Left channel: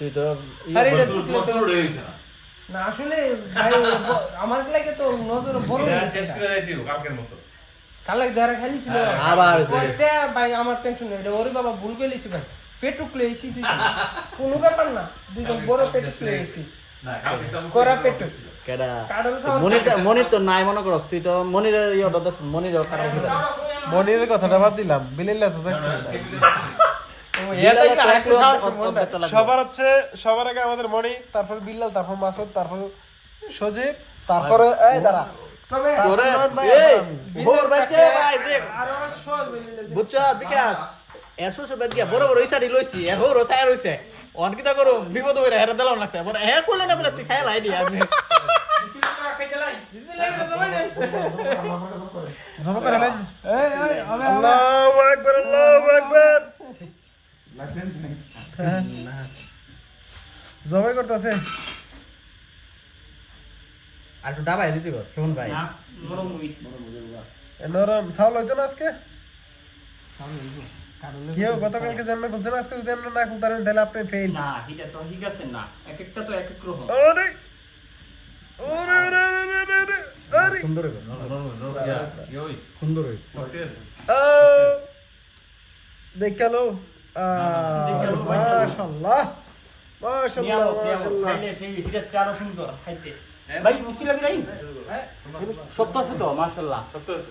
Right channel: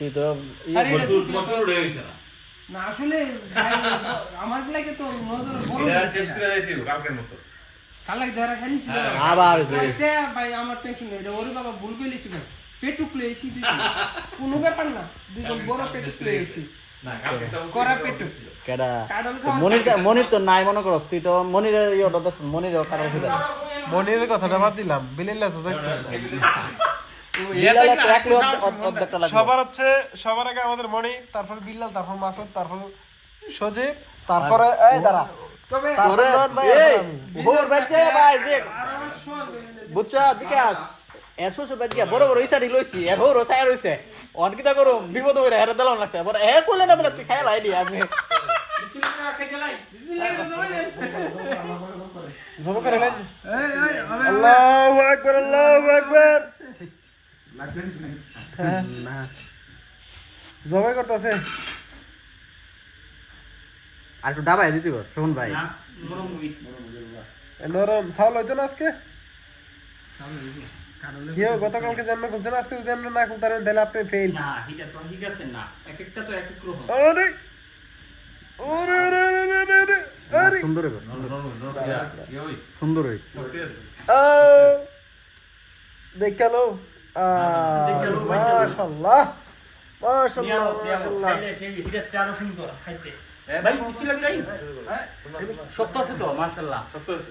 তুই তো না। না আসলে আমার লাগে তো নজর বড় শেষ করে যাইতে কালকের মতো। কালে ধরে খেলিছিল হ্যাঁ, আবার ভাই আমার টেনশন নেই। ওরে বাবা ভুল গেলিছি ভাই পেটুক লইছি তুই কোনো ব্যাপার না। দুজন বড় পেটুক একটা করা বছর কেডা? মনির তো- মনির তো নাই মনে করস। তুই তো মনিরের ইয়েটা দেখ মনির কাটা খেলে। মনিরের কথাটা বাদ দিলাম। বিলিল্লা তো দেখছেন না। সবার হচ্ছে সবার আগে আমাদের মণি তারপর বিল্লাল তারপর মাসুদ তারপর সজীব তারপরে এই দাঁড়া। বড় বড় লইছি। রইছে। অন কিতা করো বিপদ হেরে দিলাম লাগছে। বড় কইলে না বলে তুই খাই লাই দি আমি। জমা করে লাইন আল্লাহু আকবার আল্লাহু হ্যাঁ। জবাই করতেছে। আর একটু ডাবাই দিতে পার শোন ভাই। নরম চাউল হইতো না আজকে? কেউ গতকালকে জন্মে খুলছে আজকে যদি আমরা না খুলতে পারেন তাহলে আপনি ফেল না এটা তো ঠিক আছে না। এক একটা তো এক এক রকম। আরে! ওরে ওরে ওরে ওরে ওরে আরে সুন্দর হইব নরম, নরম, নরম, yes, কি ওই? সুন্দর হইব। শক্তি আছে। আ দেখাল। মাশাআল্লাহ। মাশাআল্লাহ। খাইলে সেই হিটা চারও সুন্দর খাইতে। ভাই মুশকিল লাগে সত্য আছে তো মাশাআল্লাহ। সত্য আছে।